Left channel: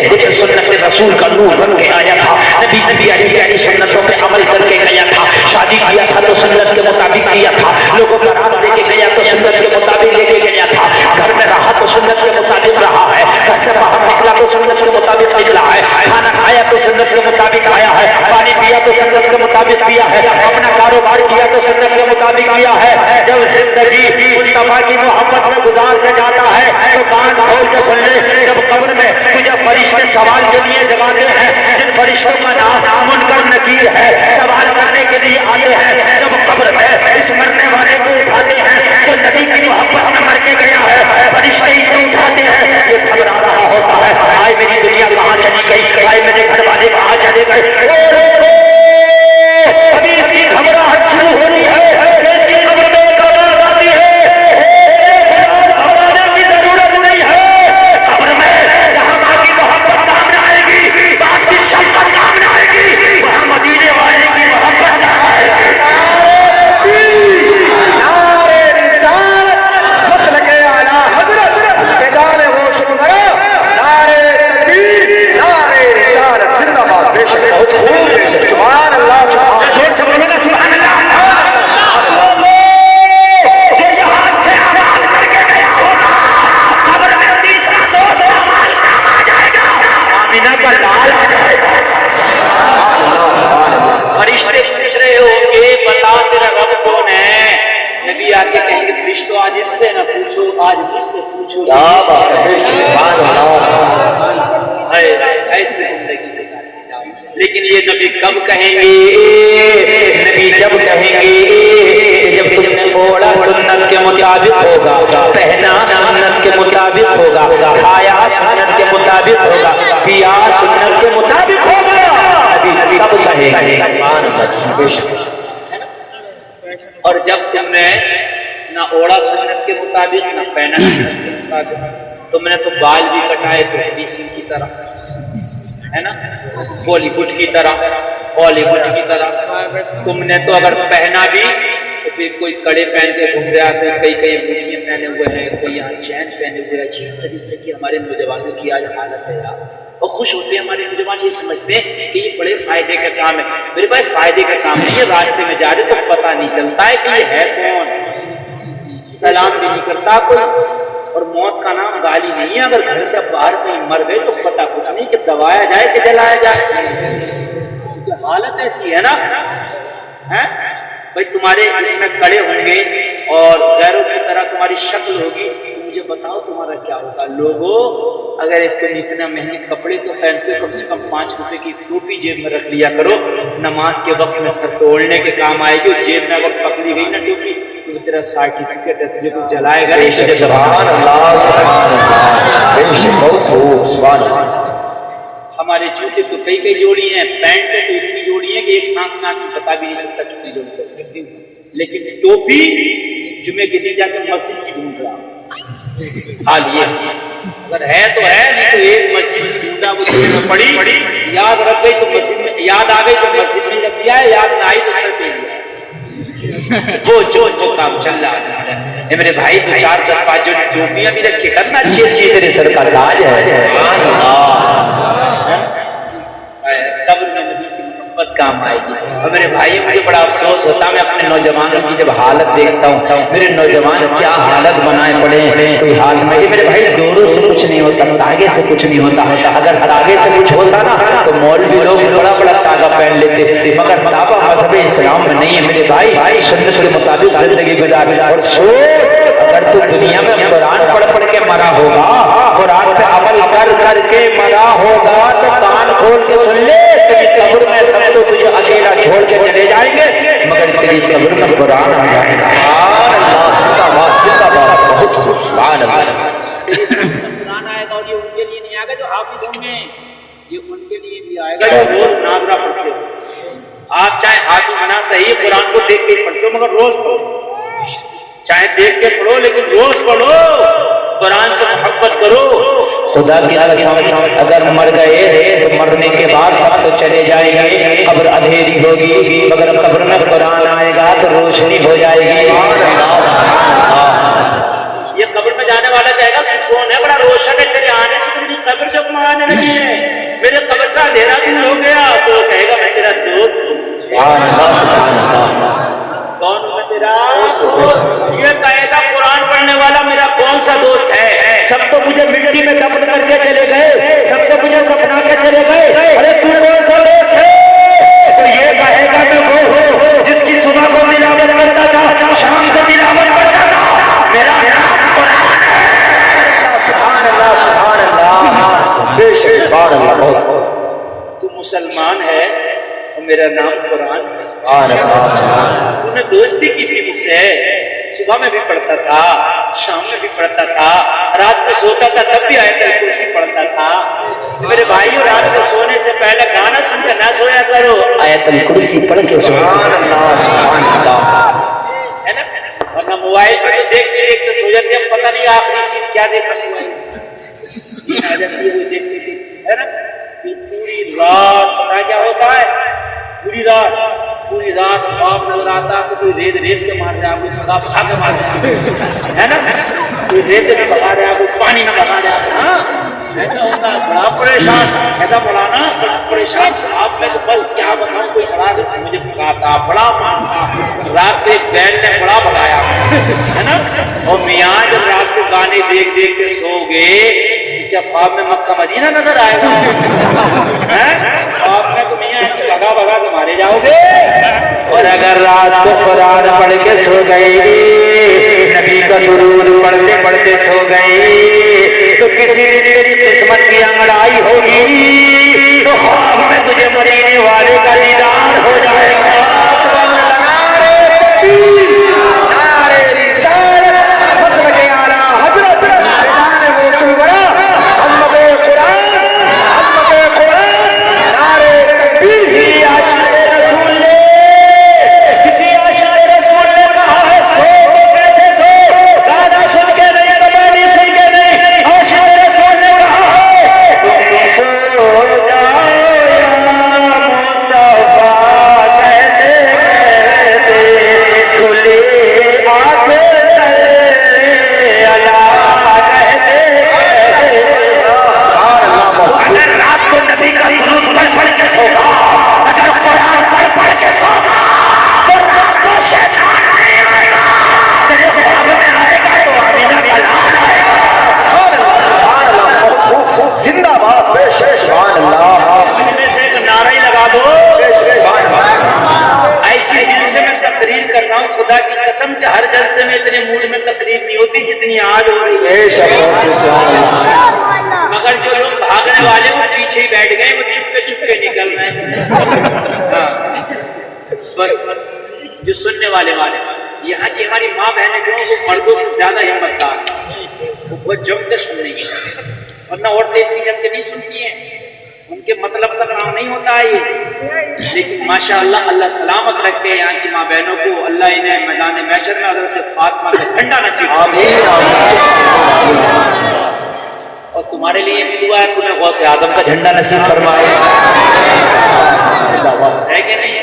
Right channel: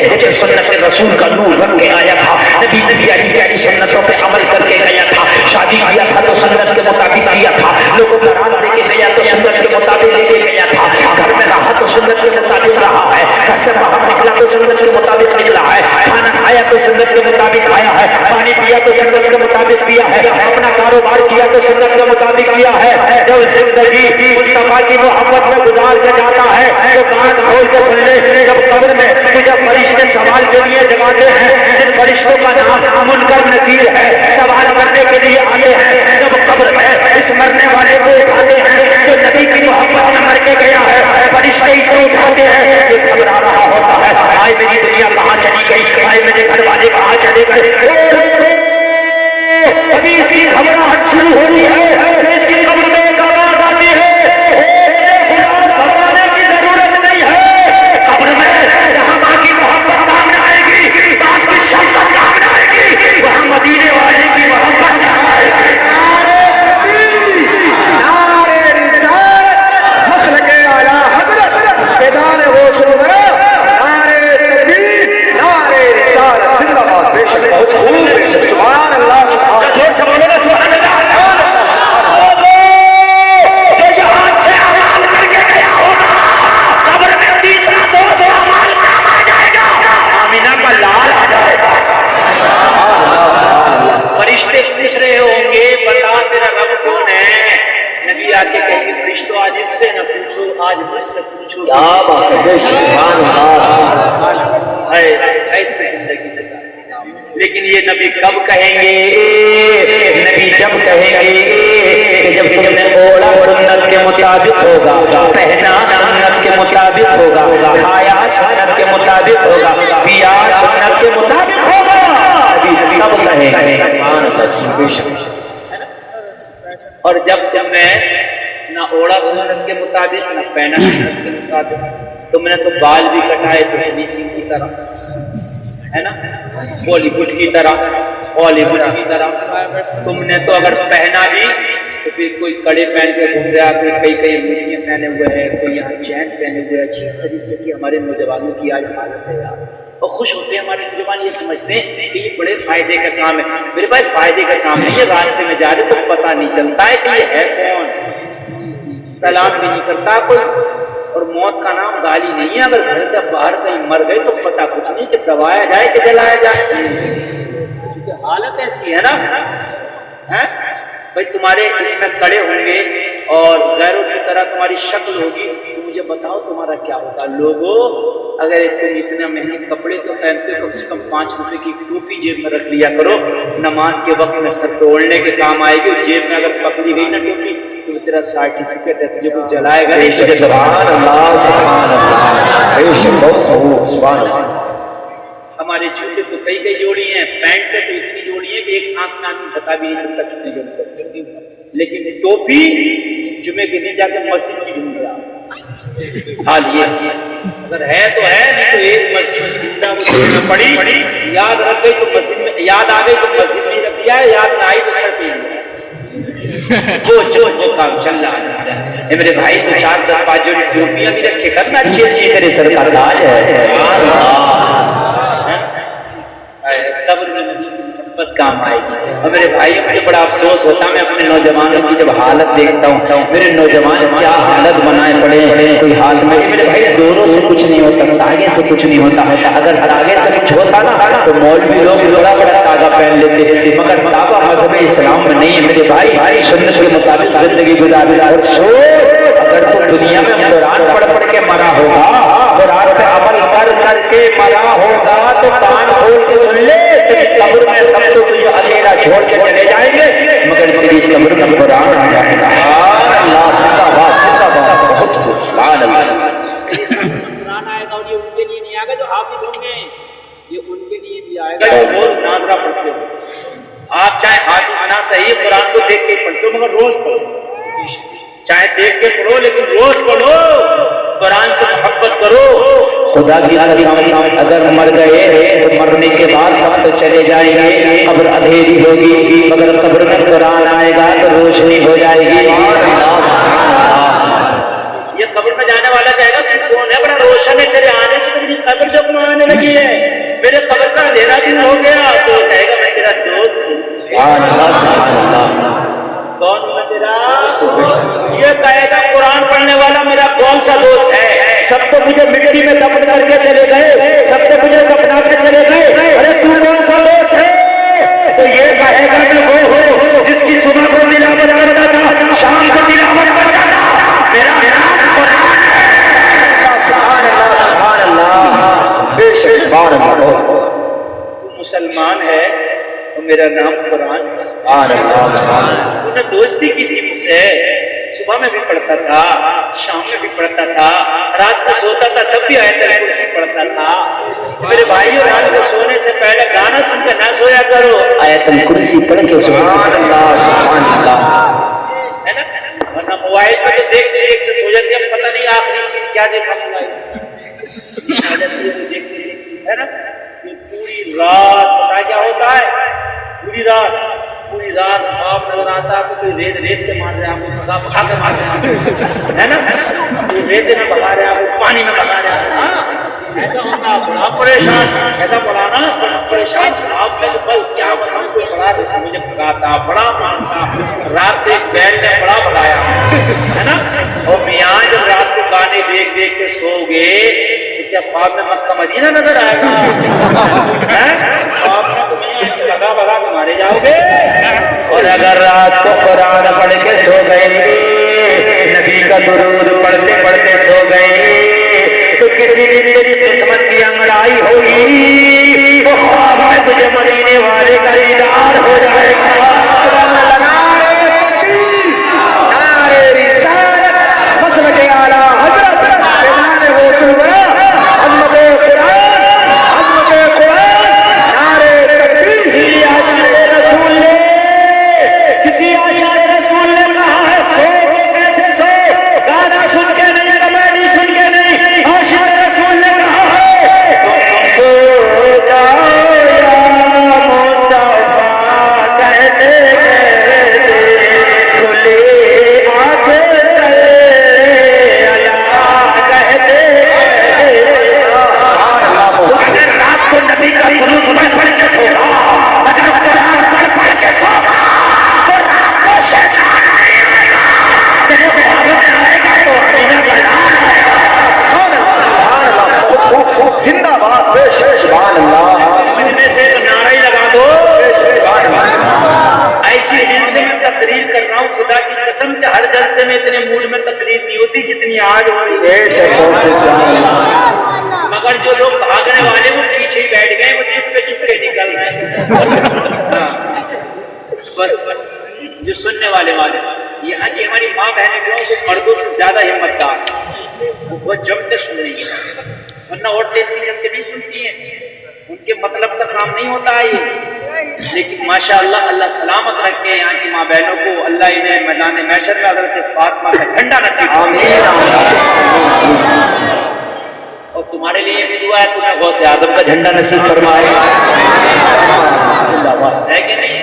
چہرے پہ سنت رسول کا نور بن کے آیا تھا. نبی کی پیاری سنتوں پہ عمل کر کے گیا تھا. شادی کیا تھا تو سنت کے مطابق کیا تھا. لوگوں کو دعوت دے کے گیا تو سنت کے مطابق لے کے گیا تھا. گھر میں رہا تو سنت کے مطابق رہا ہے. گھر سے باہر نکلا تو سنت کے مطابق نکلا ہے. کھانا کھایا تو سنت کے مطابق کھایا ہے. پانی پیا تو سنت کے مطابق پیا ہے. اپنا کاروبار کیا تو سنت کے مطابق کیا ہے. جب زندگی مصطفیٰ کی محبت میں گزار کر جاتا ہے تو کان کھول کے سن لے. جب قبر میں جب فرشتے سوال کے لیے جگاتے ہیں, جن فرشتوں کا نام منکر نکیر ہے, سوال کرنے کے لیے آتے ہیں. جب قبر میں اس مرنے والے کو اٹھاتے ہیں جو نبی کی محبت میں مر کے گیا ہے, فرشتے اسے اٹھاتے ہیں. یہ قبر آ رہا ہوتا ہے, آئے میری دنیا کہاں چلی گئی, آئے میرے گھر والے کہاں چلے گئے. ابھی اس کی گھبراہٹ شروع ہوئی ہے. ایسی قبر میں آواز آتی ہے, گھبرانے کی ضرورت نہیں ہے. قبر میں وہاں باقی محبت کام آئے گی, باقی شفقت کام آئے گی, وہاں مدینے والے کی محبت آئے گی. فرشتے پوچھ رہے ہوں گے بتا تیرا رب کون ہے. نبی آ کے کہیں گے فرشتوں آج اس سے نہ پوچھو, آج مجھ سے پوچھو. ایسی زندگی گزارتے جاؤ. لیکن یہ نبی کب کہیں گے؟ نبی جب کہیں گے کہ جب تم نے اوڑا سنت کے مطابق ہوگا, کہنا سنت کے مطابق ہوگا, کھایا سنت کے مطابق ہوگا, پیا سنت کے مطابق ہوگا, تب کہیں گے. اور جب تم نے نہ اوڑا سنت کے مطابق نہ پہنا سنت کے مطابق, تم نے تو بال بھی کٹائے تو حدیثی کی طرح ہے نا, بالی ووڈ کی طرح, ہالی ووڈ کی طرح. تم نے تو اگر پہنا بھی تو پھر کوئی کڑے پہن کے گھوم رہا, کوئی کئی مجھے پہنے ہوئے ہیں, کوئی یہاں چین پہنے ہوئے. عجیب طریقے کی ہمارے نوجوانوں کی آج حالت ہے یار. اور خوش ہوتے ہیں ہمارے نوجوان, یہ سمجھتے ہیں کہ یہ بڑے فائدے کا کام ہے. میرے بھائی فائدے کا کام نہیں ہے. راستے میں جا رہے تو پتہ نہیں چلتا ہے کہ یہ ہے کون, سلام بھی نہیں کرتا کوئی, اور موت کا نام گالی نہیں ہے. اگر گھر سے باہر کہیں مر گئے تو پتہ کچھ نہیں کہ دبایا جائے کہ جلایا جائے, کیونکہ حالت ایسی ہے نا. بھائی تمہارے اس میں کڑے ہوں گے اور غیروں کی طرح تمہاری شکل ہوگی, تو مجھے بتاؤ تمہارا کیا ہوگا. لوگوں اگر تم اتنے مہنگے کپڑے تو پہنتے, کم سے کم 5 روپے کی ٹوپی جیب میں رکھ لیا کرو. نماز کے وقت میں سر توڑنے کے کام آئے گی. جیب میں اگر پکڑی گئی نا ٹوپی تو تیرا سرٹیفکیٹ ہے, تجھے کوئی جلائے گا نہیں. سبحان اللہ. ہمارے جوتے تو کئی جوڑی ہیں, پینٹ تو اتنی جوڑی ہیں کہ ایک سانس میں آدمی بتا بھی نہیں سکتا کتنی جوڑی کر سکتی ہوں. لیکن ٹوپی جمعے کے دن جا کے مسجد کی ڈھونڈ رہا ہوں. حال یہ اگر ہے تو ہے, نہیں تو ایک مسجد ڈھونڈا وہ ڈھونڈنا پڑی. یاد رکھ گئی تو مسجد میں, یاد آ گئی تو مسجد میں رکھ دیا, یاد میں آئی تو سر پہ لیا. جو کام چل رہا ہے میرے بھائی, 2-4-10 جو ٹوپیاں بھی رکھے کرنا اچھی تیرے سر کا تاج ہے. قبر میں نبی کی محبت کام آئے گی. اور میرے بھائی مجھے بڑا افسوس ہوتا ہے, میں اپنے نوجوانوں کی جب حالت دیکھتا ہوں, میرے نوجوان کیا حالت بنائے پڑے ہیں. کوئی حال میں میرے بھائی دوروں سے کچھ نہیں ہوتا, تاگے سے کچھ نہیں ہوتا. اگر تاگے سے کچھ ہوتا نا تو مولوی لوگ بڑا تاگا پہن لیتے تھے, مگر تاگا مذہب اسلام میں نہیں ہے. میرے بھائی سنت کے مطابق زندگی گزار. اور سوچ, اگر تو دنیا میں قرآن پڑھ کے مرا ہوگا, قرآن پہ عمل کر کے مرا ہوگا, تو کان کھول کے سن لے, تیری قبر میں سب تو تجھے اکیلا چھوڑ کے چلے جائیں گے, مگر تیری قبر میں قرآن آ جائے گا. بہت سبحان اللہ. قرآن آئے گا, اور یہ ان کے لیے نہیں آئے گا جو حافظ ہوں گے, یہ ان کے لیے بھی آئے گا جو روز ناظرہ پڑھتے ہو. آپ چاہے حافظ نہ صحیح قرآن کو دیکھ کے پڑھتے ہو, مگر روز پڑھو. چاہے دیکھ کے پڑھو لیکن روز پڑھو, قرآن سے محبت کرو. خدا کی قسم اگر مر گئے تو مرنے کے بعد سب تو چلے جائیں گے, قبر اندھیری ہوگی, مگر قبر میں قرآن آئے گا تو روشنی ہو جائے گی. یہ قبر میں جانے والا کہے گا تو کون ہے, بڑا روشن ہے, تیرے آنے سے میری قبر جب مانے لگی ہے میرے قبر کا اندھیرا دور ہو گیا تو کہے گا میں تیرا دوست ہوں. کون ہوں تیرا؟ یہ کہے گا قرآن پڑھنے والا میرا کون سا دوست ہے؟ سب تو مجھے مٹی میں دفن کر کے چلے گئے, سب تو مجھے دفنا کر چلے گئے, ارے تو کون سا دوست ہے؟ تو یہ کہے گا کہ وہ ہو جس کی صبح کو ملاوٹ کرتا تھا, شام کو ملاوٹ کرتا تھا, میرا تو مسلمان ہے اور میرا نام قرآن ہے. تو نے دوستی کی تھی مجھ سے, صبح میں بھی پڑھتا تھا, شام میں بھی پڑھتا تھا, رات کو سوتا تھا تب بھی آیت الکرسی پڑھتا تھا. میرے بھائیوں رات کو سونے سے پہلے گانا سن کے نہ سویا کرو, آیت الکرسی پڑھ کے سو. ہے نا, ورنہ موبائل پہ تو دیکھتے دیکھتے سو جاتے ہیں, پتہ نہیں آخری سین کیا دیکھا موبائل آ جاتی ہے وہ دیکھتے دیکھتے, ہے نا. پوری رات پتا کیا ہوتا ہے, پوری رات خواب نظر آتا ہے, کوئی ریت کے مار رہے ہیں, کوئی سزا بھگا کے مار رہے ہیں, ہے نا, کوئی ریت میں بھگا رہے ہیں, کوئی پانی میں بھگا رہے ہیں. ہاں ایسا ہوتا ہے, بڑا پریشان, ایسا بڑا نا بڑا پریشان خواب میں, تو بس کیا بتاؤں, کوئی بڑا سے مجھے بھگاتا, بڑا مارتا, رات ایک بیل نے بڑا بھگایا, ہے نا. اور میاں جب رات کو گانے دیکھ دیکھ کے سو گئے کیا خواب میں مکہ مدینہ نظر آئے گا؟ خواب میں تو میاں ایسی لگا بگا کے مارے جاؤ گے. اور اگر رات کو قرآن پڑھ کے سو گئے, نبی کا درود پڑھتے پڑھتے سو گئے, تو کسی بھی تیری قسمت کی لڑائی ہوگی تو خواب میں تجھے مرینے والے کا دیدار ہو جائے گا. خدا کی قسم کہ ہر جلسے میں اتنے موڈ میں تقریر نہیں ہوتی جتنی آج ہو رہی ہے. مگر جو لوگ بھاگنے والے وہ پیچھے ہی بیٹھ گئے, وہ چپ کے نکل رہے ہیں. بس جو سننے والے یہاں کی ہماری ماں بہنیں جو ہیں وہ مردوں سے زیادہ ہمت دار, وہ بہت جم کے سن رہی ہیں, ورنہ عورتیں اتنی جم کے نہیں سنتی ہیں, ان کے مطلب کا کام نہیں ہوتا ہے یہ. لیکن ماشاءاللہ اللہ سلامت رکھے یہاں کی ماں بہنوں کو, اللہ انہیں میدان محشر میں حضرت فاطمہ کا جھنڈا نصیب فرمائے. اور تمہارے لیے بھی دعا ہے تمہیں غوث اعظم کا جھنڈا نصیب فرمائے, ہے کہ نہیں؟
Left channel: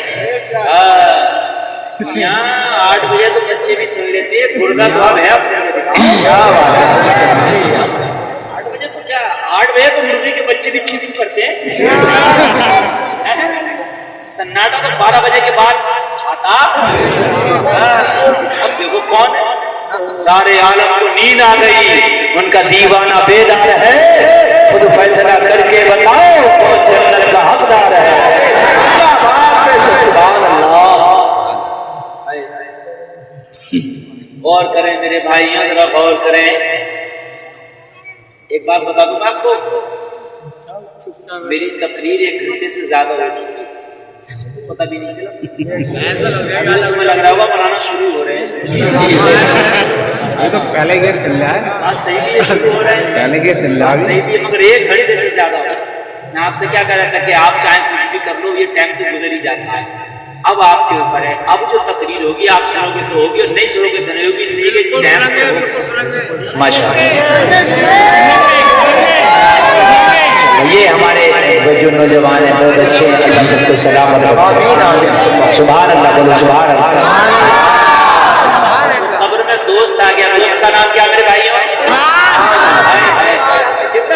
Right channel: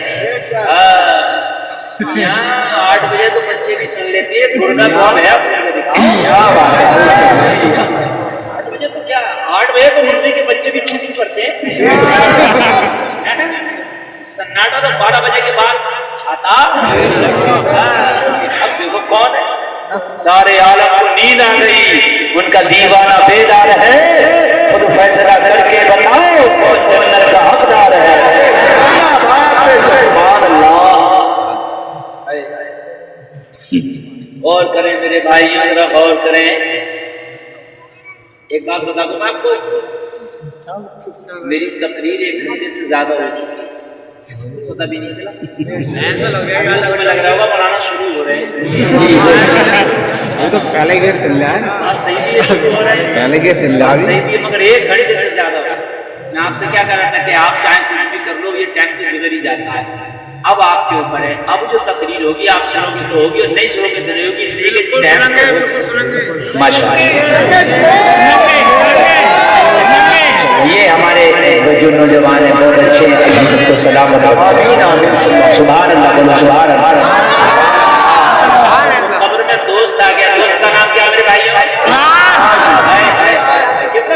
یہاں 8 بجے تو بچے بھی سن لیتے ہیں, گرنا تو اب ہے, اب سن کے دکھاؤ. 8 بجے تو کیا, 8 بجے تو مرغی کے بچے بھی چوٹی پڑتے ہیں. سناٹا تو 12 بجے کے بعد آتا. اب دیکھو کون ہے, سارے عالم کو نیند آ گئی, ان کا دیوانہ بیدار ہے, خود فیصلہ کر کے بتاؤ کون جنت کا حقدار ہے. سبحان اللہ. غور کریں میرے بھائیوں, ذرا غور کریں. ایک بات بتا دوں میں آپ کو, میری تقریر 1 گھنٹے سے زیادہ ہو چکی ہے, پتہ بھی نہیں چلا. ایسا لگ رہا ہوگا پڑھانا شروع ہو رہے ہیں, پہلے گیٹ چل رہا ہے, صحیح بھی شروع ہو رہے ہیں, پہلے گیٹ چل رہا ہے, صحیح بھی, مگر 1 گھنٹے سے زیادہ ہو. میں آپ سے کیا کہہ رہا تھا کہ آپ چاہیں کچھ بھی کر لو, یہ ٹائم تو گزر ہی جاتا ہے. اب آپ کے اوپر ہے, اب جو تقریر ہوگی آپ سنو گے تو ہوگی, اور نہیں سنو گے تو نہیں ہوگی. اس لیے یہ ہمارے جو نوجوان ہیں بہت اچھے کو سلامت سبحان اللہ بولو سبحان اللہ. قبر میں دوست آ گیا, دوست کا نام کیا میرے بھائی؟ کتنا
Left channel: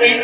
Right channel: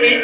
3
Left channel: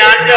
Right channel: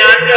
99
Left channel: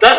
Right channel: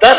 10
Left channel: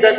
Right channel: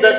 10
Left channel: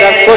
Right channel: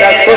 10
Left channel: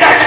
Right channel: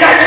10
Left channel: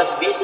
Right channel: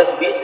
10-20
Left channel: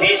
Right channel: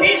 20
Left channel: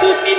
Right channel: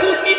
2-3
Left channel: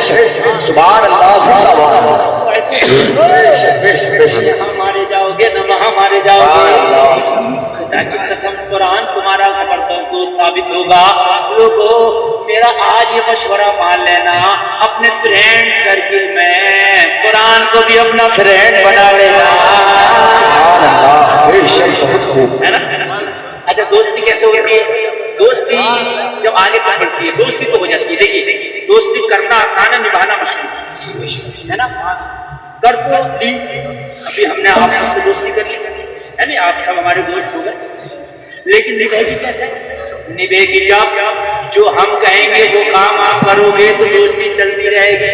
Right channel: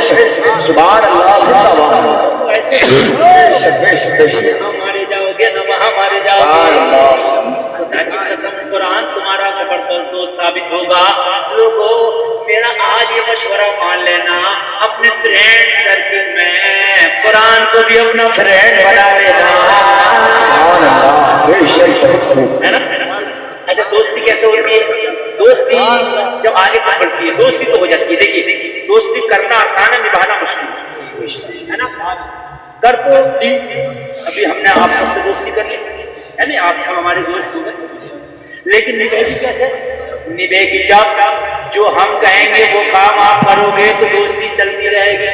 سبحان اللہ سبحان اللہ تو ایسے یہاں مارے جاؤ گے نہ وہاں مارے جاؤ گے. خدا کی قسم قرآن تمہارا زبردست دوست ثابت ہوگا. لوگوں میرا آج یہ مشورہ مان لینا, اپنے فرینڈ سرکل میں قرآن کو بھی اپنا فرینڈ بنا لینا, ہے نا. اچھا دوستی کیسے ہوتی ہے؟ دوستی جب آگے تک بڑھتی ہے دوستی تو ہو جاتی ہے. دیکھیے دوستی کرنا آسان ہے, نبھانا مشکل ہے نا. کر تو لی, ابھی ہم نے آپ سب سے دوستی کر لی ہے نا, آپ سب ہمارے دوست ہو گئے, لیکن نبھے گی کیسے؟ نبھے گی جب جو ہم کہیں گے وہ کام آپ کرو گے تو دوستی چلتی رہے گی,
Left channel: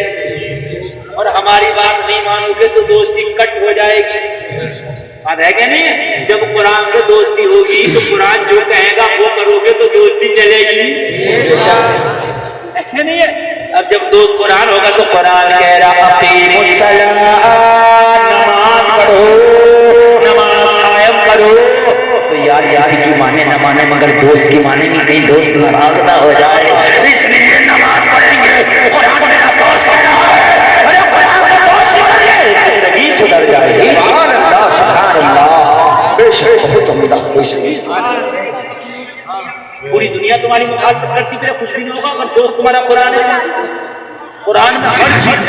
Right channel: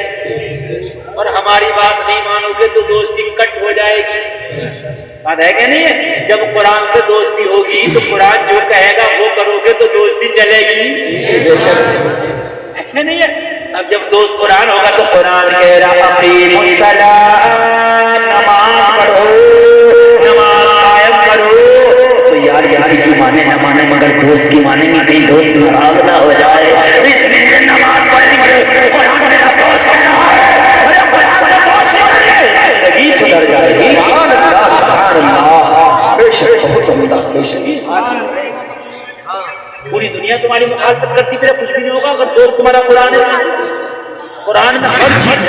اور ہماری بات نہیں مانو گے تو دوستی کٹ ہو جائے گی. بات ہے کہ نہیں ہے؟ جب قرآن سے دوستی ہوگی تو قرآن جو کہے گا وہ کرو گے تو دوستی چلے گی, ایسے نہیں ہے. اب جب دوست قرآن ہوگا تو قرآن کہہ رہا اقیم الصلاۃ, نماز پڑھو, نماز قائم کرو. تو یار کسی کی مانے نہ مانے مگر دوست کی مانے نہیں, کہیں دوست ناراض نہ ہو جائے, اس لیے نماز پڑھیں گے. زندگی سدھر جائے گی. پوری دنیا تمہاری مخالفت کرتی پھر کچھ بھی نہیں ہوگا اگر دوست تمہارا قرآن ہے. قرآن میں ہر چیز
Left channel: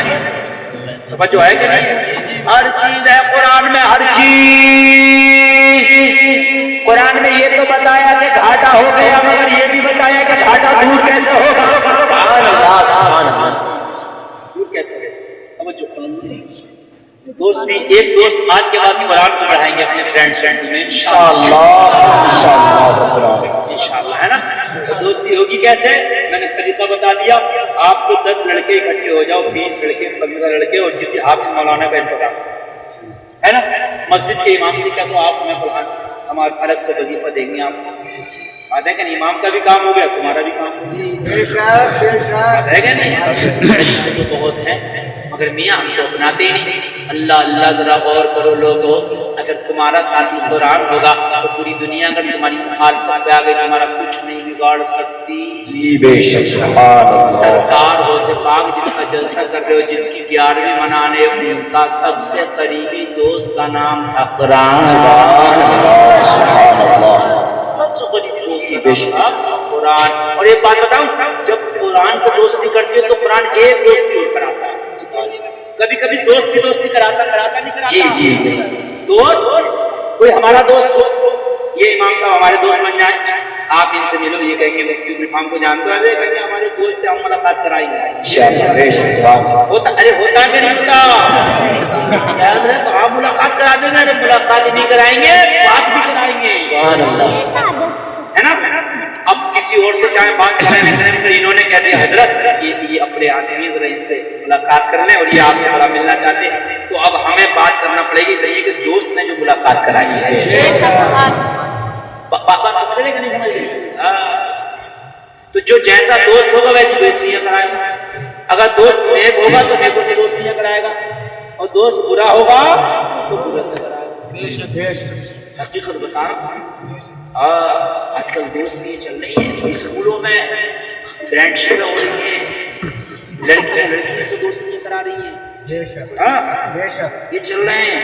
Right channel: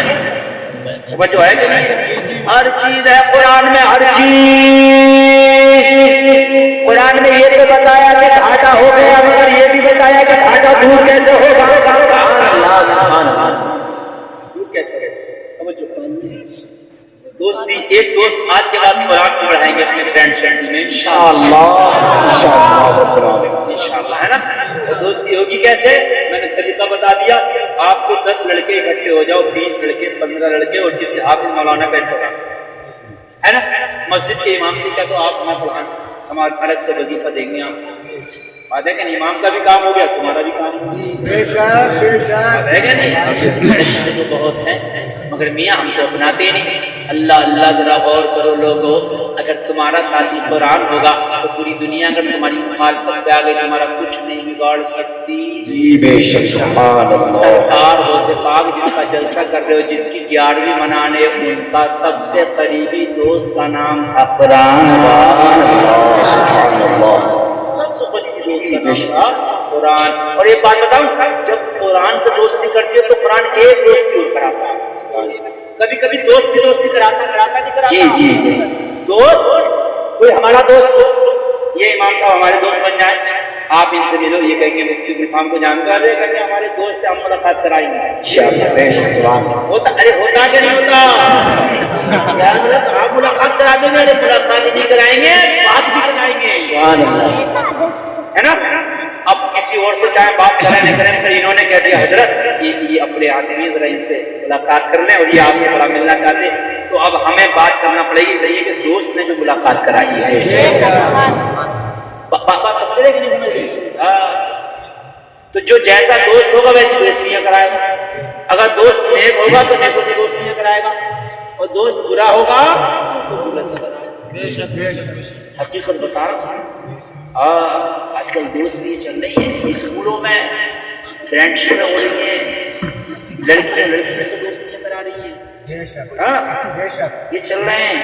جو ہے کہ نہیں, ہر چیز ہے قرآن میں, ہر چیز. قرآن میں یہ تو بتایا کہ گھاٹا ہو گیا, اور یہ بھی بتایا کہ گھاٹا دور کیسے ہوگا. دور کیسے ہے؟ دوستی ایک دوست آج کے بعد قرآن کو پڑھائیں گے اپنے فرینڈ میں انشاءاللہ, ہے نا. تو دوستی ہوگی کیسے؟ میں نے طریقہ بتا دیا. آپ کو 10 لڑکے اکٹھے ہو جاؤ, 20 لڑکے, 15 لڑکے, اور کسی حافظ مولانا کا انتخاب ہے نا. مسجد کے امام سے کیا تو آپ ہمیں پڑھائیں, ہمارے فرق سے وظیفہ دیں گے آپ. بات ہے کہ امام کا بھی کام ہو گیا, تمہارا بھی کام ہو گیا. ہے کہ نہیں؟ تو بہت ہے مگر میاں ہم تو اپناتے نہیں. اللہ اللہ ذرا غور کرو لوگوں, اگر تمہارا ساتھی قرآن ہوگا تو پوری دنیا اگر تمہاری مخالفت پہ آ گئی تمہارا کچھ نہیں بگاڑ سکتی. سرکار ہو سے پاک جس کا جلسہ کر رہے ہو, جس کی 11ویں منانے, ان کا سب سے قریبی دوست کا نام تھا قرآن. قرآن. اور ایک بات بتاؤں, جب قرآن سے دوستی کرتی ہو تو قرآن ایک دوستی اور کراتا ہے. کبھی کبھی دوست کی دوستی کراتا نہیں کراتا. دوست کوئی ہمارا دوست ہو, یہ امام صاحب ہمارے دوست بن جائیں, آپ ان سے ملو, یہ کہیں گے مفتی امام کو جانتے ہو, یہ کہیں گے ہمارے دوست ہم ملاقات کرائیں گے. ہوتا کہ نہیں ہوتا؟ آپ ملاقات کرا دیں گے, اگر ملاقات نہیں کرائیں گے بات بھی کرائیں گے, ہے نا. اب کسی اور سے چاہے بات کریں نہ کریں, تو انہوں نے کہہ دیا حضرت یہ اپنے آدمی ذرا ان سے ملاقات کر لیں, اور یہ آپ سے بڑا ملنا چاہتے ہیں, تو اب ہمیں بات کرنا پڑے گی. چاہیے کہ دوست نے جو ملاقات کرائی ہے, بات سمجھ رہے کہ نہیں سمجھ رہے؟ تو جو جیسا دوست ہوگا ویسی دوستیاں کرائے گا. اگر دوست نیک ہوگا تو نیکوں سے دوستیاں کرائے گا, اور دوست برا ہوگا تو برا سے کرائے گا. حقیقت بتا رہا ہوں, آج کل دوست یہ چل رہی ہے اسکولوں میں فرینڈ شپ ہو رہی ہے, لڑکیاں لڑکیوں سے دوستیاں کرا رہی ہیں. یہ چل رہے ہیں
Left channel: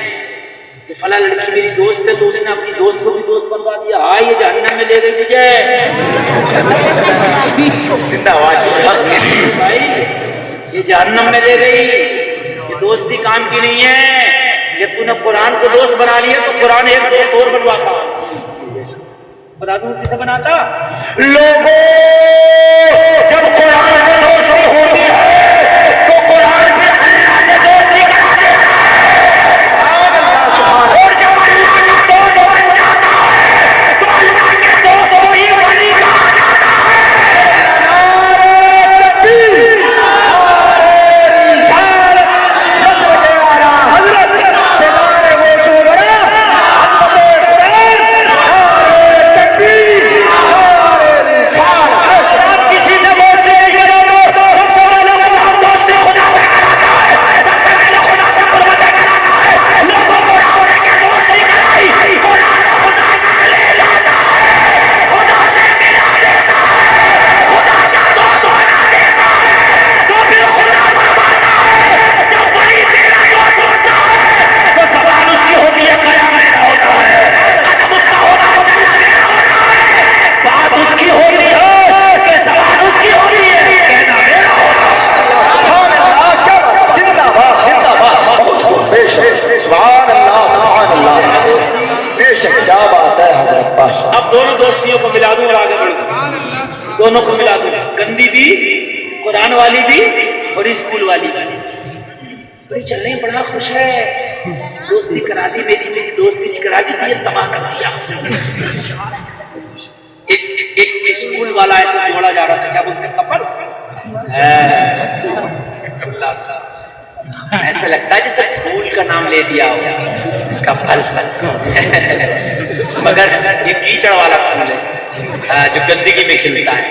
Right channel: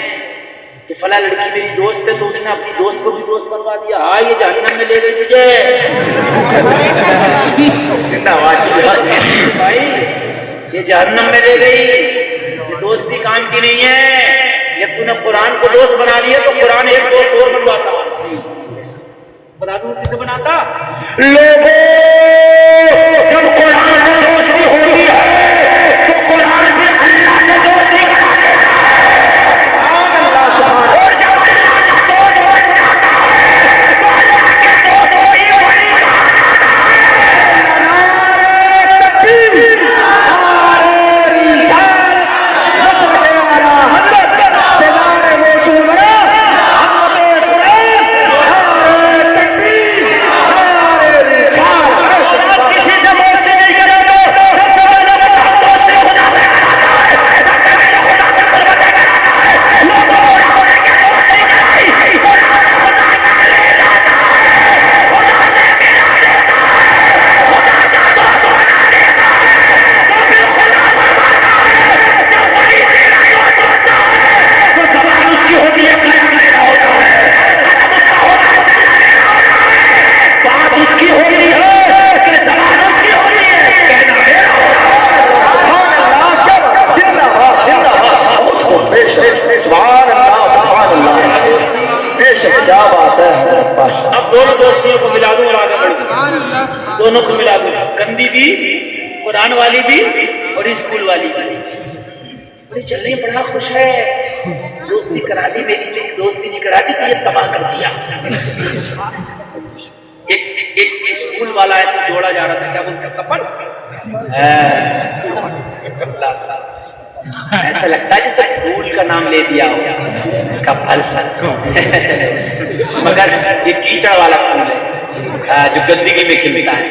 کہ فلاں لڑکی میری دوست ہے تو اس نے اپنی دوست کو بھی دوست بنوا دیا. ہاں یہ جہنم میں لے گئی مجھے, یہ جہنم میں لے گئی. یہ دوستی کام کی نہیں ہے. جب تو نے قرآن کو دوست بنا لیا تو قرآن ایک دوست اور بنواتا. بتا دوں کسے بناتا؟ لوگوں جب قرآن میں روشنی ہوتی ہے تو قرآن میں اللہ نے دوستی کرا دیتا ہے. اور جب اللہ نے دو دوست بناتا ہے تو اللہ کے دو دوستی ہوتی ہے. گندی بھی، قرآن والی بھی اور اسکول والی بھی. بڑے چل رہے ہیں، بڑا خوش ہے. دوستی کرا دی میری، دوستی نہیں کرا دی تو یہ تباہ کر دیا. ایک اسکول والا ایسے جوڑا جا رہا تھا، کیا بولتے ہیں، کپل. ایسا لگتا ہے جیسے پھول کا نام لے دیا ہو، کپل. مگر یہ کیچڑ والا پھول ہے جو گندگی میں کھلتا ہے.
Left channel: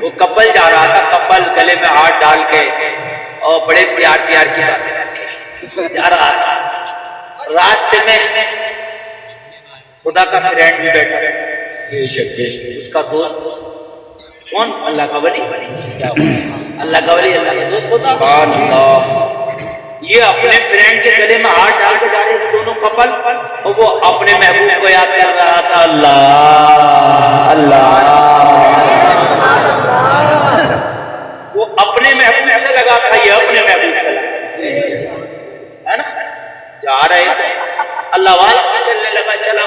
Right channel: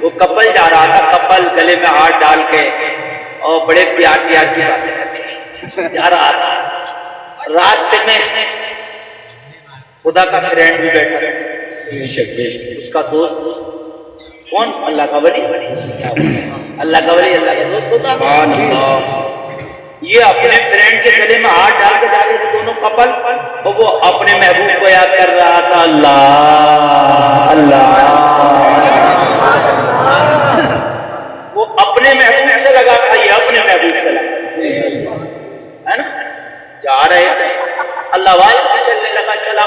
وہ کپل جا رہا تھا، کپل گلے میں ہاتھ ڈال کے اور بڑے پیار کی باتیں کرتے جا رہا تھا. راستے میں خدا کا فرینڈ بھی بیٹھا ہے، اس کا دوست. کون؟ اللہ کا ولی. اللہ کا ولی اللہ کا دوست ہوتا. یہ اپنے فرینڈ کے گلے میں ہاتھ ڈال کے جا رہے تھے دونوں کپل، اور وہ اپنے محبوب کو یاد کر رہا تھا. اللہ اللہ. وہ اپنے محبوب سے لگا تھا، یہ اپنے محبوب سے لگا ہے نا. جا رہے تھے، اللہ والے کی چلنے لگا. چلا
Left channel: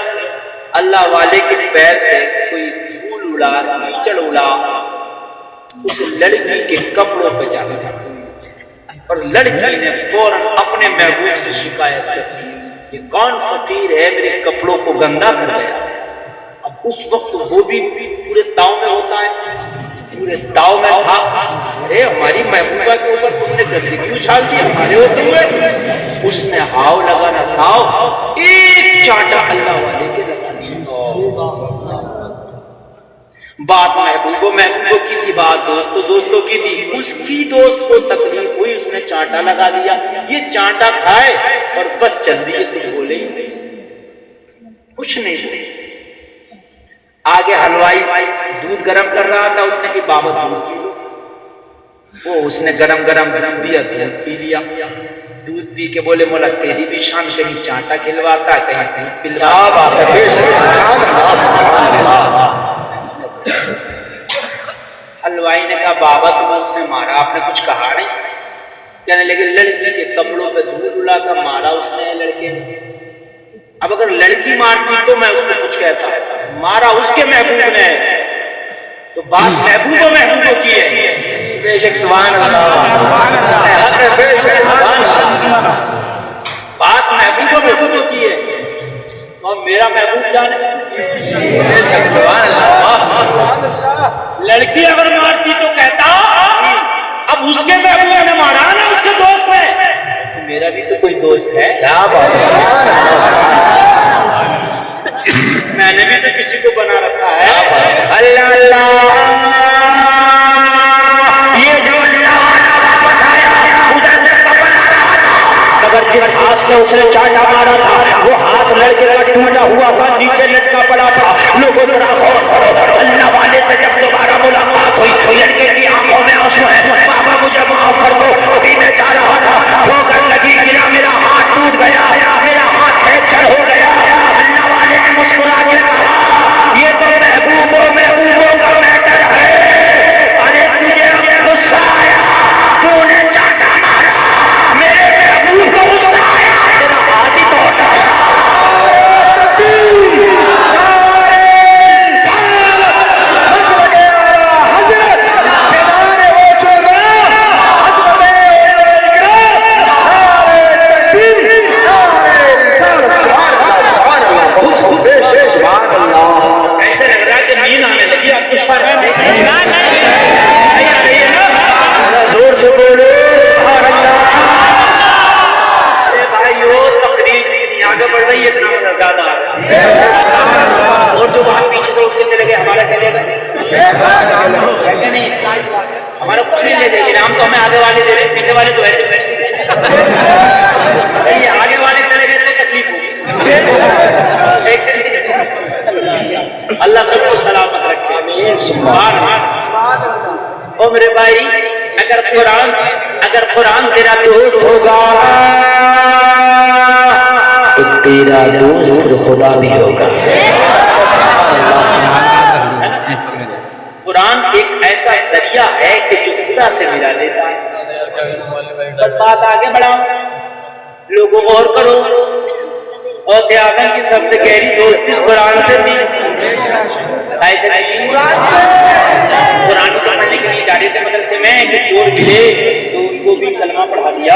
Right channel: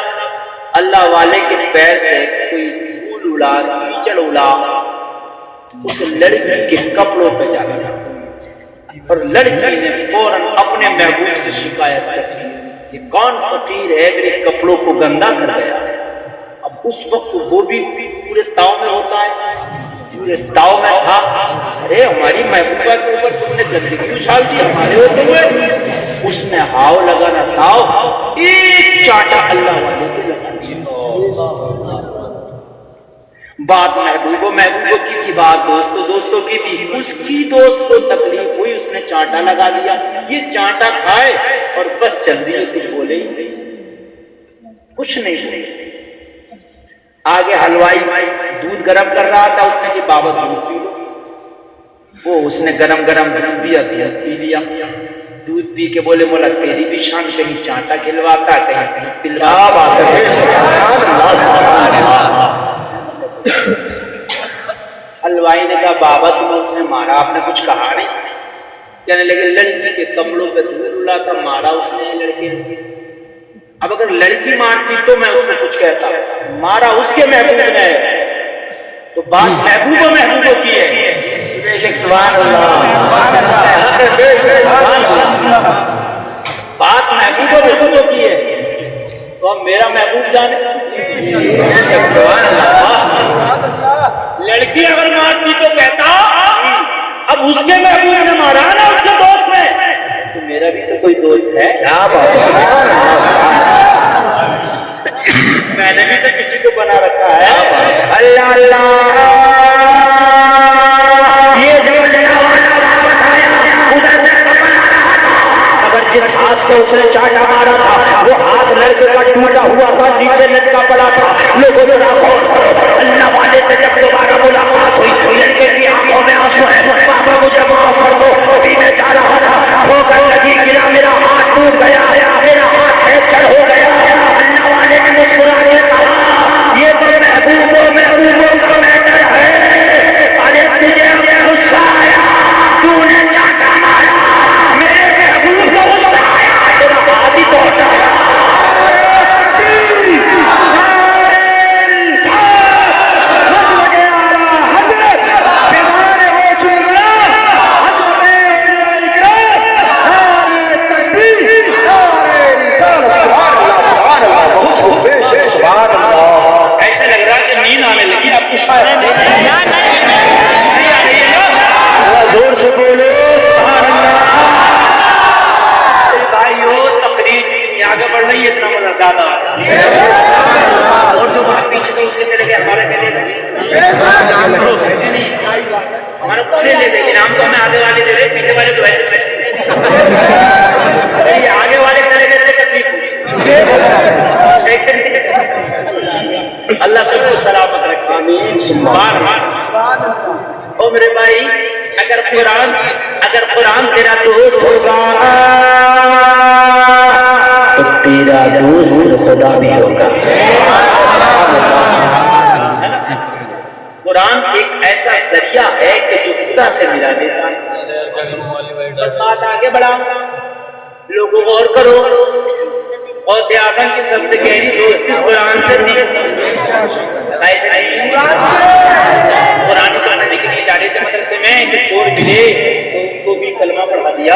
اللہ والے کے پیر سے کوئی دھول اڑا، کیچڑ اڑا اس لڑکی کے کپڑوں پہ جا لگا، اور لڑکی نے فوراً اپنے محبوب سے شکایت کر دی، یہ کون فقیر ہے میرے کپڑوں کو گندا کر دیا. اب اس وقت وہ بھی پورے تاؤ میں ہوتا ہے، پورے تاؤ میں تھا. ہماری محبوبہ کے اوپر تم نے گندگی اچھال دی ہمارے ہوتے ہوئے. اس نے ہاؤ لگانا تھاؤ، ایک چاٹا اللہ والے کے لگا. بات محبوبوں کی تھی، بات دوستوں کی تھی. اس کی دوست کو تکلیف ہوئی، اس نے چانٹا لگا دیا. یہ چانٹا کھائے اور بس چل دیے، کچھ بولے ہی نہیں، کچھ نہیں بولے. آگے حلوائی دودھ گرم کر رہا تھا، اس نے کہ بابا دودھ پی لو. وہ اس نے گرم دودھ دیا، دودھ پی لیا. دودھ پی کے بولے مولا تیری بھی شان، کہیں چانٹا کھلواتا، کہیں پلا. حلوائی نے کہا بابا تمہیں اس نے مارا، آپ نے کچھ کہا نہیں. کہنے لگے لڑکی کے کپڑوں پہ دھول اڑا تھا، مارا اس نے لڑکے نے. اب اگر لڑکی مارتی تو میں اس کو کچھ کہتا، مارا اس کے محبوب نے، تو بات محبوبوں کی ہے. بات محبوبوں کی ہے. تو اب میرا محبوب جانے. لڑکی اگر مارتی تو کہتا اب اس کے محبوب نے مارا نا، اس کے دوست نے، تو میرا بھی تو کوئی دوست ہے. کیا بات ہے، میں نے بھی تو کسی کو بنا رکھا ہے. اللہ اللہ. یہ جو اگر جس ہاتھ سے اس نے چاٹا مارا تھا وہ ہاتھ لڑکے کا ٹوٹا ہوا تھا، نیچے لٹکا پڑا تھا. لوگوں نے اللہ والے سے جب دوبارہ ملاقات ہوئی، لڑکے کی آنکھوں میں آنسو، بابا مجھے معاف کر دو، پینے جا رہا تھا، رو کر لگی کہ میرا ہاتھ ٹوٹ گیا ہے، میرا ہاتھ فریکچر ہو گیا ہے. اللہ والے نے مسکرا کے کہا یہ تو محبوبوں کا میٹر ہے. ارے تجھے غصہ آیا، تو نے چاٹا مارا، میرے محبوب کو غصہ آیا، تیرا بازی تو ہوتا ہے. ایسے لگ رہا ہے کہ نیند آنے لگی آپ کو. زور سے بولو سبحان اللہ. بھائیو تقریر آگے بڑھ رہی ہے، اتنا مزہ زیادہ آ رہا ہے. اور جو بات پیچھے سے اس کے چلے گئے ہمارا چلے گا نہیں، ہمارا کچھ نہیں لے جائے گی. ہم تو ہمیں آگے والے دے رہے، پیچھے والے تو ایسے آگے والے چلے گئے تو تکلیف ہوگی. اللہ سب کو سلامت رکھے. او میرے بھائی، اگر قرآن تیرا دوست ہوگا تو تیرا دوست خدا بھی ہوگا. قرآن ایک ایسا ذریعہ ہے کہ جو خدا سے ملا دیتا ہے. بس بات آگے بڑھاؤ، لوگوں غور کرو. غوث اعظم کی سب سے گہری دوستی قرآن سے تھی. قرآن کا ذکر نہیں جاتا ہیں کہ چور ملے تو ان کو بھی کلمہ پڑھا دیا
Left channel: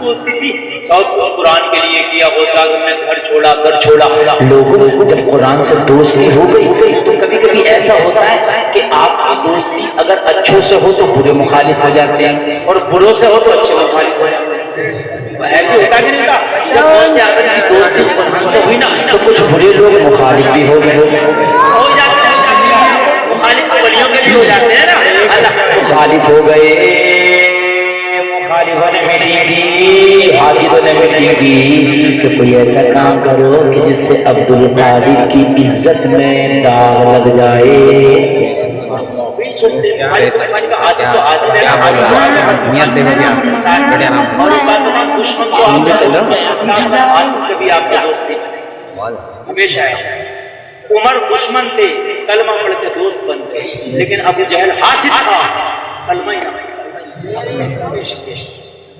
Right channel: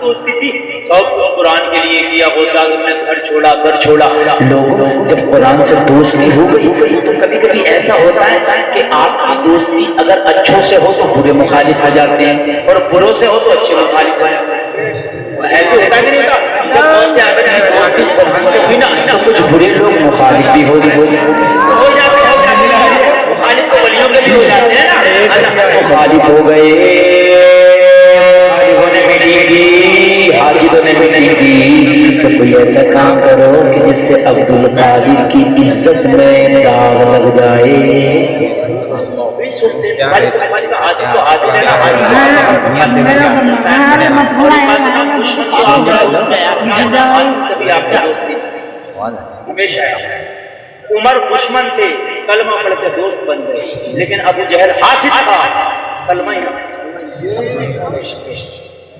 دوستی تھی سب کچھ قرآن کے لیے کیا ہوشاگر میں گھر چھوڑا در چھوڑا لوگوں کو جب قرآن سے دوستی ہو گئی تو کبھی کبھی ایسا ہوتا ہے کہ آپ کی دوستی اگر اچھوں سے ہو تو برے مخالف ہو جاتے ہیں اور بروں سے ہو تو اچھے مخالف ہو جاتے ہیں ایسے ہوتا کہ نہیں ہوتا جب بہت سے آدمی کی دوستی قرآن سے ہوئی نا تو کچھ برے لوگ مخالف بھی ہو گئے مخالف تو ولیوں کے بھی ہو جاتے ہیں نا مخالف ہو گئے حاضر نے میٹنگ دی تو کوئی ایسا کام کرو کہ جس سے عبد القادر کی عزت میں داغ لگ جائے ہمیشہ عمر دشمن تھے کلمہ پڑھ کے دوست بن گئے لیکن ابو جہل حاسد تھا کلمہ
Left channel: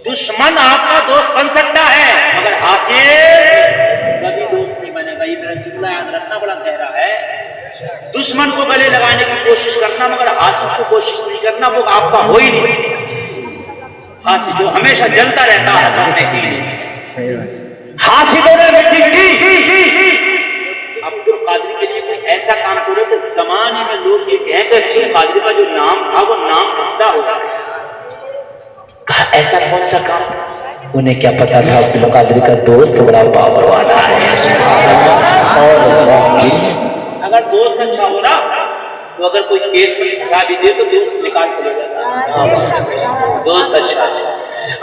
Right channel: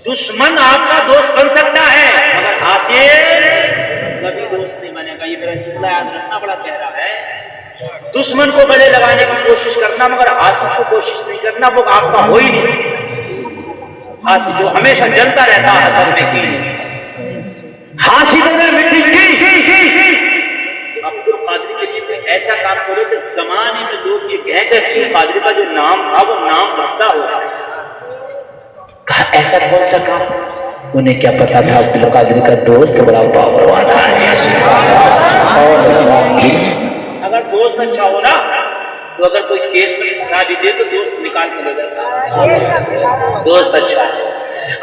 دشمن آپ کا دوست بن سکتا ہے مگر حاسد کبھی دوست نہیں بنے گا. یہ میرا جملہ یاد رکھنا بڑا گہرا ہے. دشمن کو گلے لگانے کی کوشش کرنا مگر حاسد کو کوشش نہیں کرنا وہ آپ کا ہو ہی نہیں. حاسد جو ہمیشہ جلتا رہتا ہے حسد میں کی حاسدوں نے میٹنگ کی عبد القادر کے لیے کوئی ایسا کام کرو کہ زمانے میں لوگ یہ کہیں کہ عبد القادر کا جو نام تھا وہ نام بنتا ہوا. کہا ایسا کون سا کام؟ انہیں کیا پتا تھا عبد القادر کا دوست بڑا بابا والا ہے. اگر دوست اچھا ہو نا تو اگر کوئی کیس میں پھنسا بھی دے تو دوست نکال کے لے جاتا ہے. دوست اچھا ہے.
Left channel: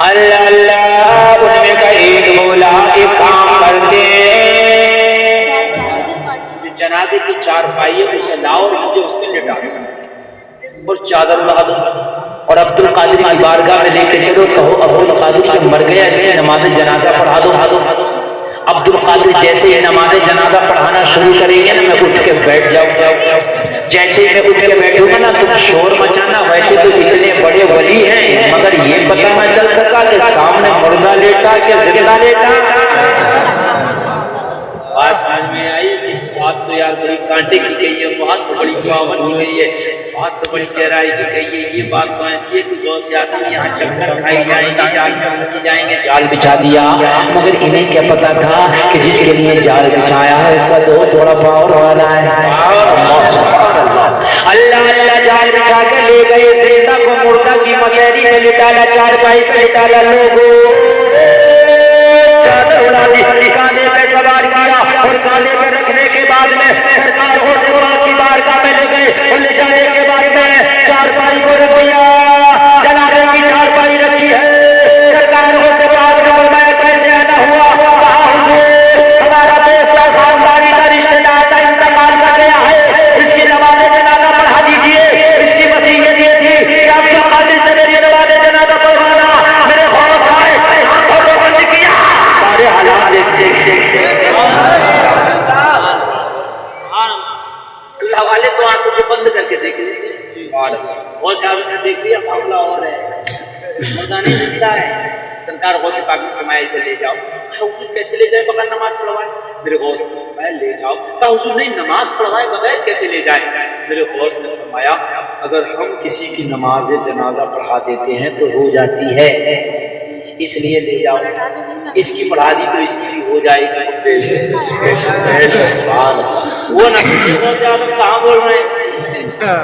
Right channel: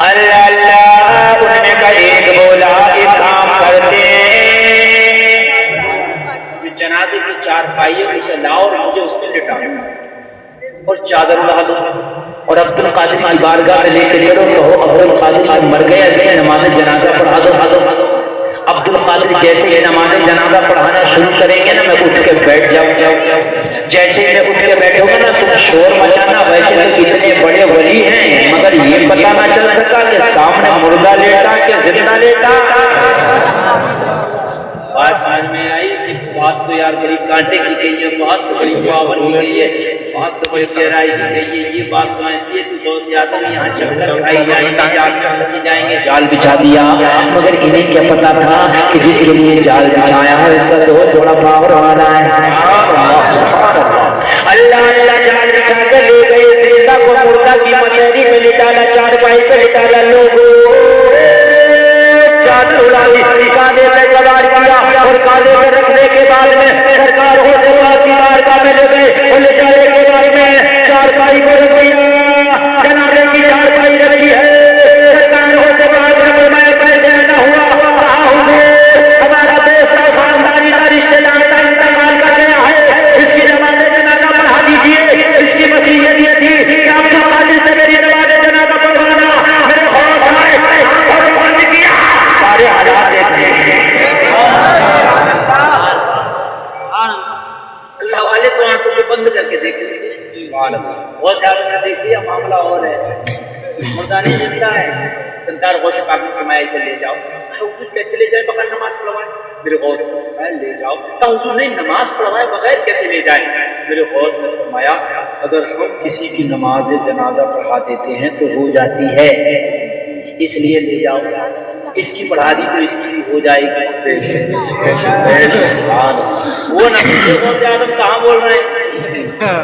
اللہ اللہ انہوں نے کہا ایک بولا ایک کام کرتے جنازے کی چار پائیے اسے لاؤ اور مجھے اس پہ لٹا دو اور چادر اڑا دو اور عبد القادر کی بارگاہ میں لے کے چلو کہو ابو القادر کا مر گیا اس سے نماز جنازہ پڑھا دو. عبد القادر جیسے ہی نماز جنازہ پڑھانا شروع کریں گے نا میں اٹھ کے بیٹھ جاؤں. جیسے ہی میں اٹھ کے بیٹھوں گا نا تم شور مچانا. ویسے تو اتنے بڑے ولی ہیں مگر یہ پتہ نہ چل سکا کہ سامنے مردہ لیٹا کہ زندہ لیٹا. بات سمجھ میں آئی کہ بات تو یار بڑی کانٹے کی گئی ہے, بات تو بڑی پاون کی گئی ہے, بات تو بڑی گہرائی کی گئی ہے. یہ بات تو ایسی ہے کہ دو سے آدم یہاں چکر اٹھائی جائیں گے جال بچی جائیں گے. جال بچھا دیا مگر انہیں کیا پتا تھا کہ جس کے لیے جال بچھایا ہے اس سے دو تھوڑا پاور والا ہے. اللہ اللہ جال بچھا کے لے گئے زندہ کو مردہ کی مشہری میں لٹالا چار پائی پہ لٹالا لوگوں چادر اڑا لی کاندھے پہ سوار کیا اور کاندھے پہ رکھنے کے بعد میں سرکار ہو سروا کی بارگاہ میں لے گئے اور لے جانے کے بعد میں چار پائی پر رکھ دیا. جنازے کی چار پائی رکھی ہے. سرکار ہو سروا کا فرمایا کیسے ایسا ہوا؟ کہا حضور ہمارا دیش کا خاندانی کا رشتہ دار کا انتقال کر گیا ہے, اس کی نماز جنازہ پڑھا دیجیے. اس کی وصیت یہ تھی کہ آپ کو قادر سے میری نماز جنازہ پڑھوانا. میرے خوف آئے اور وہ بند کیا. سارے حالات دیکھتے اللہ والے تو آنکھوں کو بند کر کے دیکھ لیتے. بہت سارے نے دیکھ لیا معاملہ اور ہے, مردہ نہیں زندہ ہے. سرکار غوث پاک نے فرمایا اسے لے جاؤ. حضور کیسے لے جائے بغیر نماز پڑھوائے؟ میرے غوث نے فرمایا لے جاؤ. کہا حضور نہیں نماز پڑھوائے بغیر کیسے لے جائے؟ میرے غوث نے فرمایا اگر ہم کسی کی نماز جنازہ پڑھا دیتے ہیں تو ہو جاتی ہے, اس لیے لے جاؤ. اس کی پڑھا دی تو اس کی بھی ہو جائے گی. وہ نہیں غوث اعظم کہاں بول رہے ہیں؟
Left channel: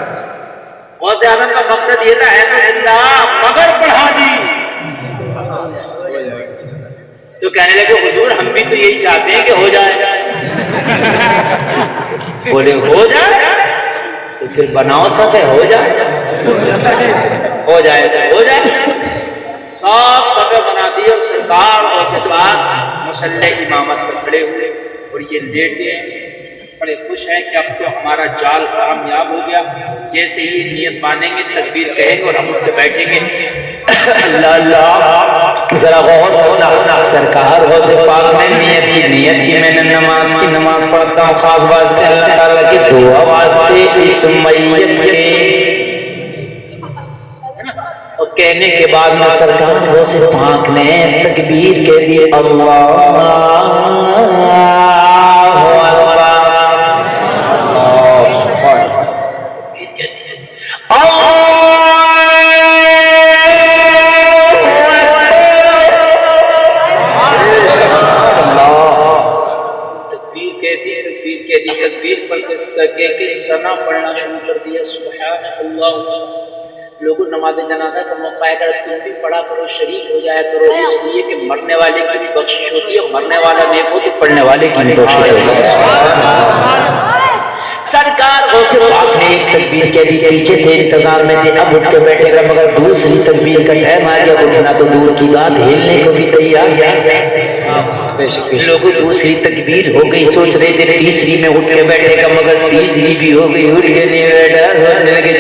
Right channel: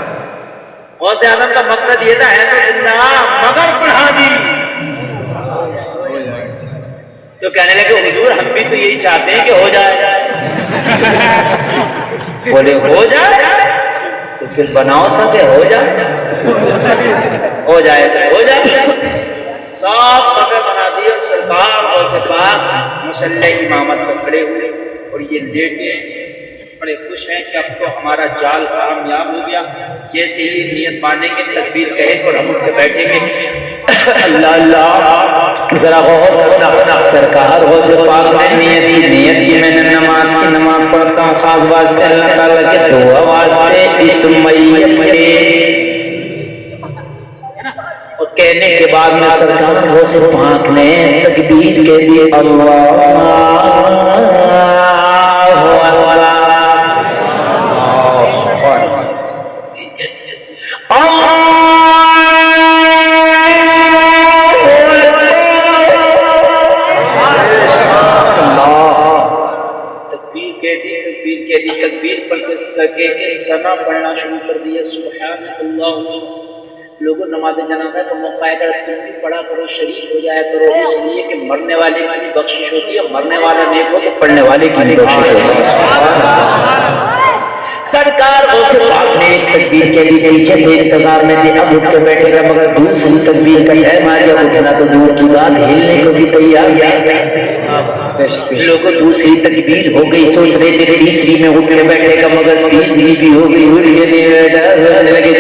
غوث اعظم کا مقصد یہ تھا ہے تو زندہ مگر پڑھا دی. تو کہنے لگے حضور ہم بھی تو یہی چاہتے ہیں کہ ہو جائے. بولے ہو جائے تو پھر بناؤ سب ہو جائے. ہو جائے ہو جائے. سب سفے بنا دیے اور سرکار اور سرکار مسلح امامت پر کھڑے ہوئے اور یہ لیٹے بڑے خوش ہیں کہ اب تو ہمارا جال کامیاب ہو گیا. جیسے ہی نیت باندھیں گے تکبیر کہیں گے اور ہم اٹھ کے بیٹھیں گے. اللہ اللہ ذرا غور ہونا. سرکار ہو سے پاک نے نیت کی میں نے نماز پڑھتا ہوں خاص واسطے اللہ تعالیٰ کی دعا واسطے اس میت کے اور کہنے کے بعد میں سرکار ہو سے پاک نے تکبیر کے لیے اللہ لوگوں نماز جنازہ کا موقع ہے، اگر تم بھی پڑھا کرو، شریک ہو جایا کرو، اس لیے کہ مرنے والے کی بھی بخشش ہوتی ہے، اور مرنے والا نیک ہو تو پڑھنے والے کی بھی بخشش ہوتی ہے۔ سرکار غوث پاک نے ایک تکبیر کے لیے پیچھے سے انتظار میں تھے، اب اٹھ کے بیٹھے گا، مگر دوسری تکبیر کا ٹائم آ گیا، اٹھنا تو دور کی بات، ہلنے کو بھی تیار ہے۔ لوگوں دوسری تکبیر ہو گئی، سوچ رہے تھے تیسری میں اٹھ کے بیٹھے گا، مگر تیسری بھی ہو گئی، اٹھ کے نہیں بیٹھا،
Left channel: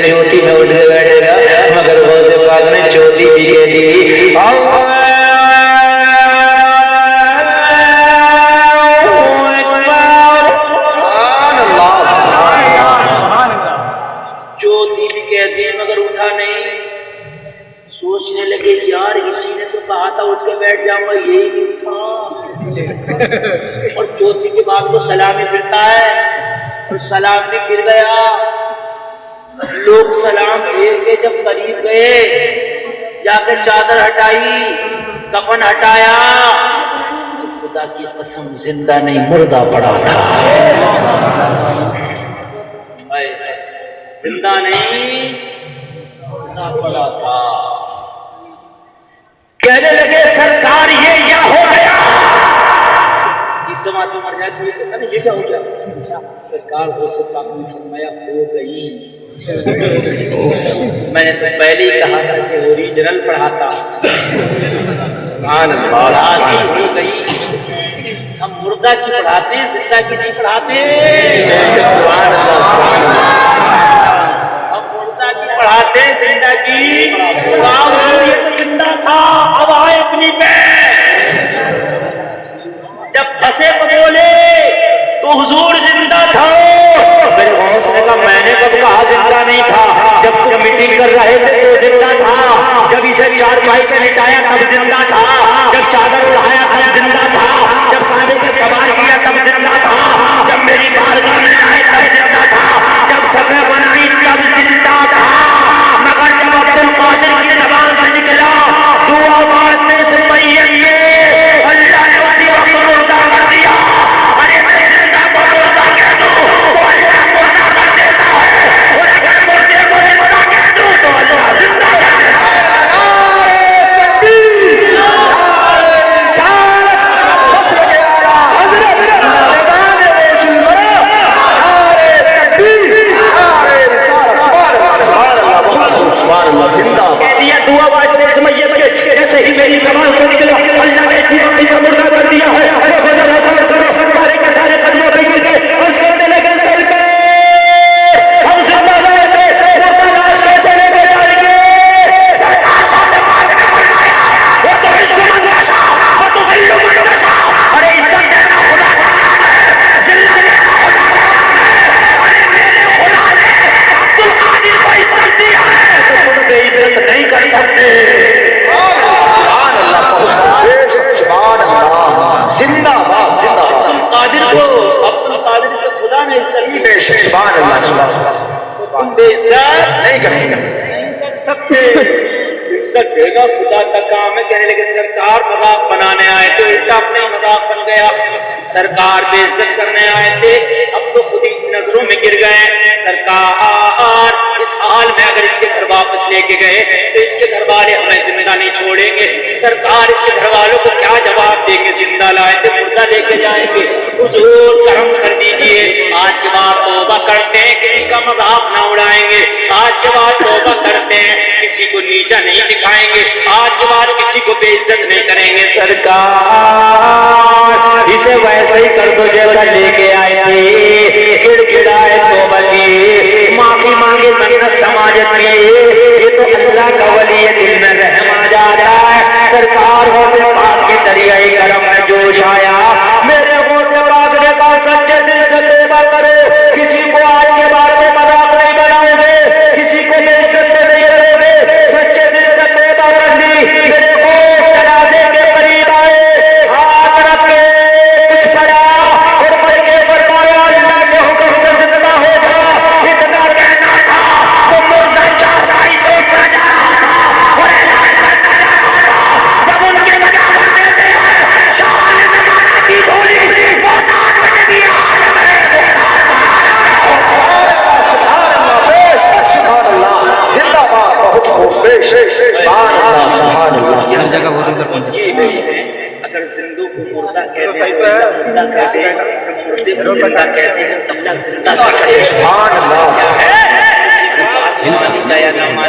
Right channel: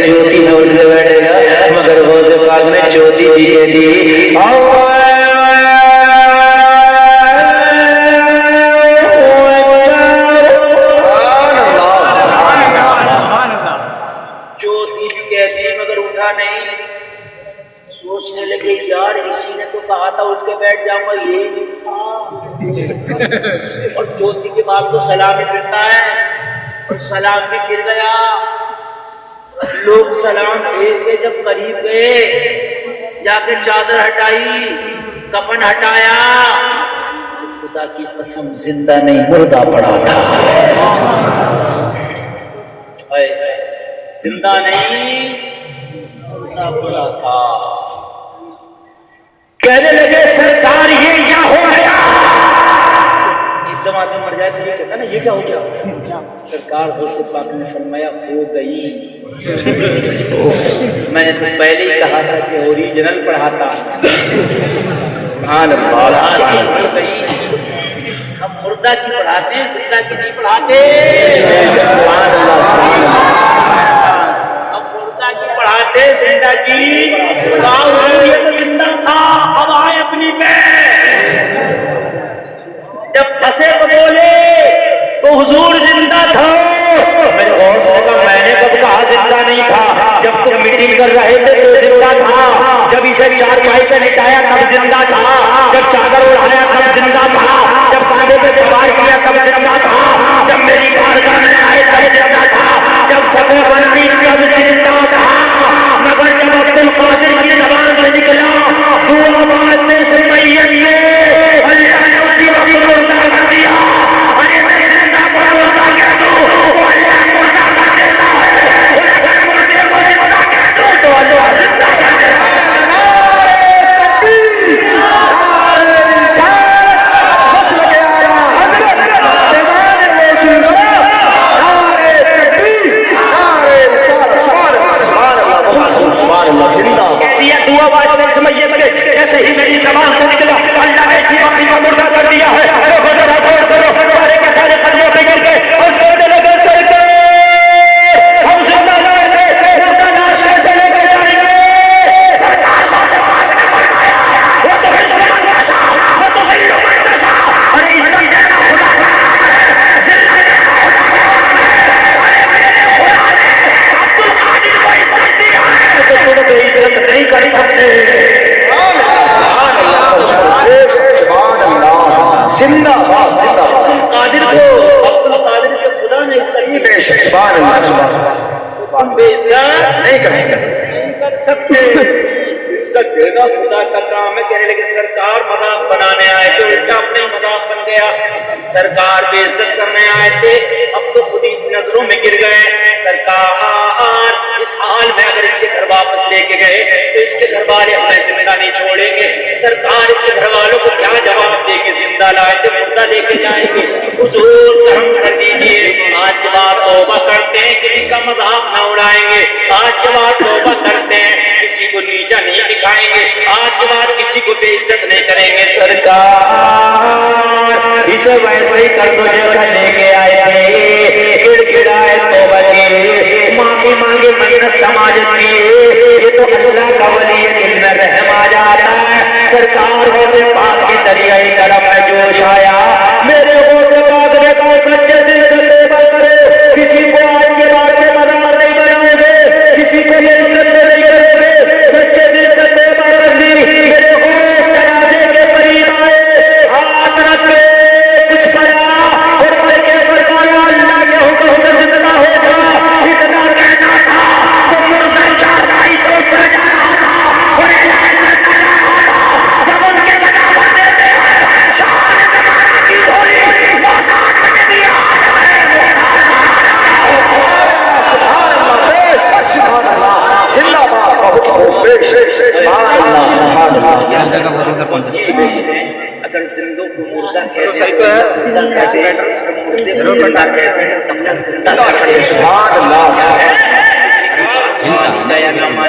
چوتھی میں اٹھ کے بیٹھے گا، مگر غوث پاک نے چوتھی بھی دے دی۔ سوچنے لگے یار اسی نے تو کہا تھا اٹھ کے بیٹھ جاؤں گا، یہی نہیں تھا، اور چوتھی کے بعد تو سلام ہی پھرتا ہے، اور سلام بھی پھر گیا۔ لوگ سلام پھیر کے جب قریب گئے، جا کے چادر ہٹائی، کفن ہٹایا، خدا کی قسم زندہ نہیں مردہ پڑا تھا، زندہ نہیں مردہ پڑا تھا۔ کہنے لگے سرکار یہ کیا ہو گیا؟ ایک دم آدمی مر جائے تو یہ کہتا نا یہ کیا ہو گیا؟ سرکار غوث پاک نے فرمایا ہو گئی۔ میں نے تو پہلے ہی کہا تھا کہ اوریجنل پڑھاتا، ہو گئی۔ ہم مردہ کی پڑھاتے ہیں، زندہ کی نہیں پڑھاتے۔ پڑھاتے زندہ کی زندہ تھا، اب آئے اپنی پہ، جب پھنسے تو بولے تو حضور زندہ تھا۔ میں نے کب کہا زندہ نہیں تھا؟ جب تم میٹنگ کر رہے تھے تو زندہ تھا، جب اسے چار بھائی پہ لٹایا تب زندہ تھا، جب چادر اڑایا تب زندہ تھا، جب کاندھے پہ سوار کیا تب زندہ تھا، جب میری بارگاہ میں آئے تب زندہ تھا، جب سبے بلندی تب زندہ تھا، مگر جب عبد القادر کی زبان سے نکلا دعا مانگنے سے پہلے اللہ نے اسی وقت مردہ کر دیا۔ ارے میں زندہ کو مردہ کہہ دوں، اللہ مردہ کر دیتا ہے، مردے کو زندہ کہہ دوں تو اللہ زندہ کر دیتا ہے۔ دعا واسطے سمجھیے بڑے جیسے ہی میری زبان سے نکلا اللہ نے اسی وقت کو مردہ کر دیا ہے۔ سارے کے سارے سرنے پہ گر گئے اور سونے لگے سرکار ہم زندہ رہے تھے، مردہ لاش کیسے لے کے جائیں گے؟ وہ تو حصے وہ تو ارے اس نہیں کر سکتے۔ زندہ قادر کو اپنے قادر کے خدا نے تم بے عزت نہیں کر سکتے۔ عزت دینا خدا کا کام ہے۔ کہنے لگے سرکار مذاق بنانے آئے تھے، الٹا اپنے مذاق بن گیا۔ سرکار بے عزت کرنے آئے تھے، اب تو خود ہی نظروں میں گر گئے۔ سرکار اس حال میں اگر اس کے گھر واپس لے کے گئے تو اس کے گھر والے ہمیں زندہ نہیں چھوڑیں گے۔ سرکار اس کے گھر والوں کو کیا جواب دے کے زندہ لائے تو مردہ لے کے جائیں گے۔ حضور کرم کر دیجئے، آج کے بعد توبہ کرتے ہیں، کسی کا مذاق نہ اڑائیں گے۔ آج کے بعد توبہ کرتے ہیں، کسی کو نیچا نہیں دکھائیں گے۔ آج کے بعد کسی کو بے عزت نہیں کریں گے۔ سرکار اسے ویسے ہی کر دو جیسا لے کے آئے تھے، گڑ گڑائے توبہ کی، معافی مانگے، منت سماجت کی، یہ تو اللہ کا ولی ہے، دل میں رحم آ جاتا ہے۔ سرکار غوث پاک کے دریائے کرم میں جوش آیا، میرے غوث پاک نے کہا سچے دل سے توبہ کرے، کسی کو آج کے بعد میں مذاق نہیں بنائیں گے، کسی کو یہ عزت نہیں کریں گے، سچے دل سے توبہ کر لی۔ میرے غوث دروازے کے قریب آئے، ہاتھ رکھ کے کچھ پڑا اور کر کے فرمایا اللہ کے حکم سے زندہ ہوگا۔ اتنا کہنا تھا تو مردہ چار بھائی سے اٹھ جانا تھا اور جب ان کے جگہ بنتے تھے شان زمانہ کی ڈھولی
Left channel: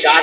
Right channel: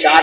4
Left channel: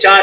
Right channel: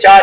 4